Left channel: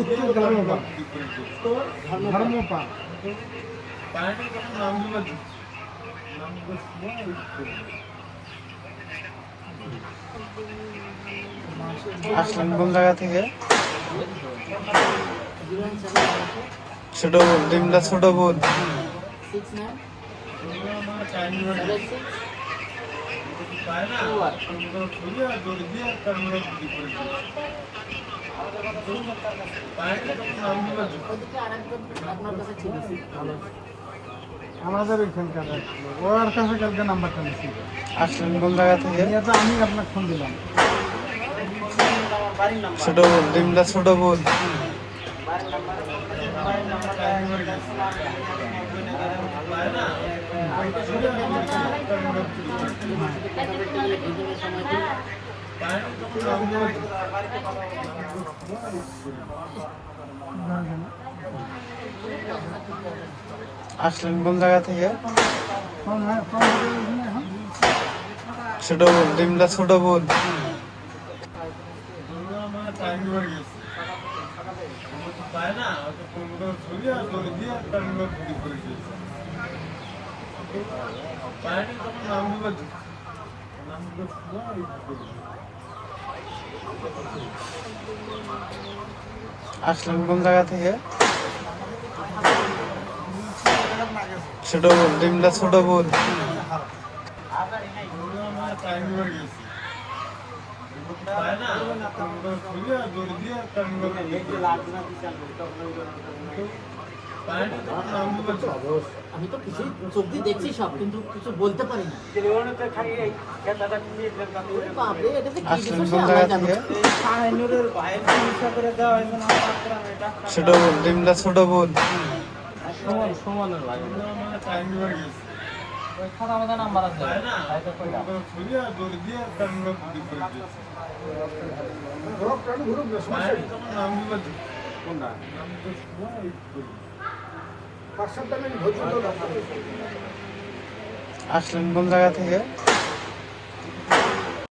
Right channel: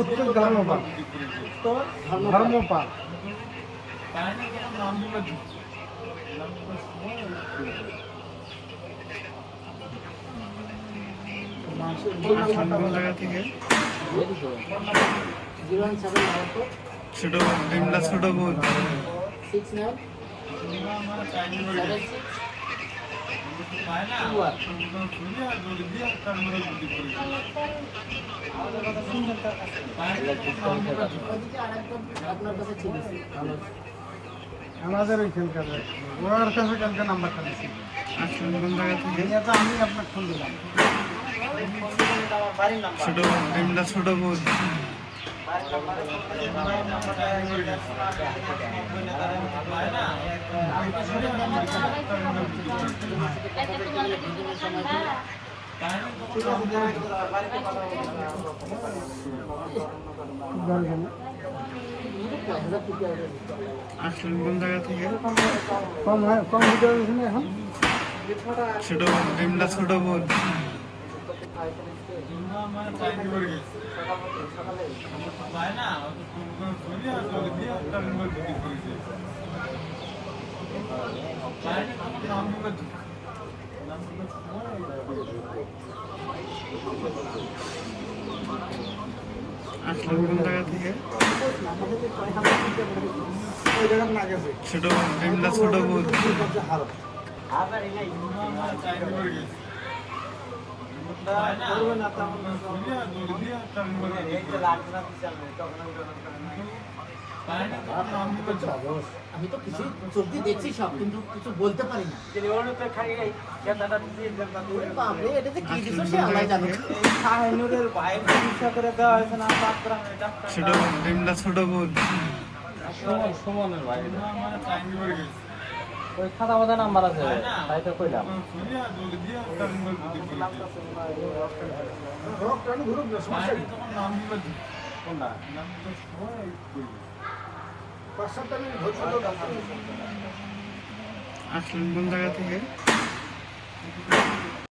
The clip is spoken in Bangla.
উত্তর ধর্মপাল। ধর্মপাল আসলেন কোন জায়গা থেকে? ছোট বোন, ডিমটা ছোট বোন। আমাদের ওইখানকার ওর কাছে কালকে নাম্বারটা নিচ্ছি। আসলেন কোন জায়গা থেকে? আমি আপনাকে ফোন দিলাম। ছোট বোন, ডিমটা ছোট বোন। আসলেন কোন জায়গা থেকে? কম এখন ছোট বোন, ডিমটা ছোট বোন। আসলেন কোন জায়গা থেকে? ছোট বোন, ডিমটা ছোট বোন। আমি তো কিছু চোখ দিয়ে দেখছি সব, কিন্তু কিছু বলতে পারি না। আসলেন কোন জায়গা থেকে? ছোট বোন, ডিমটা ছোট বোন। সমানের ভাই খাতা মতো নাম্বার আছে। আসলেন কোন জায়গা থেকে?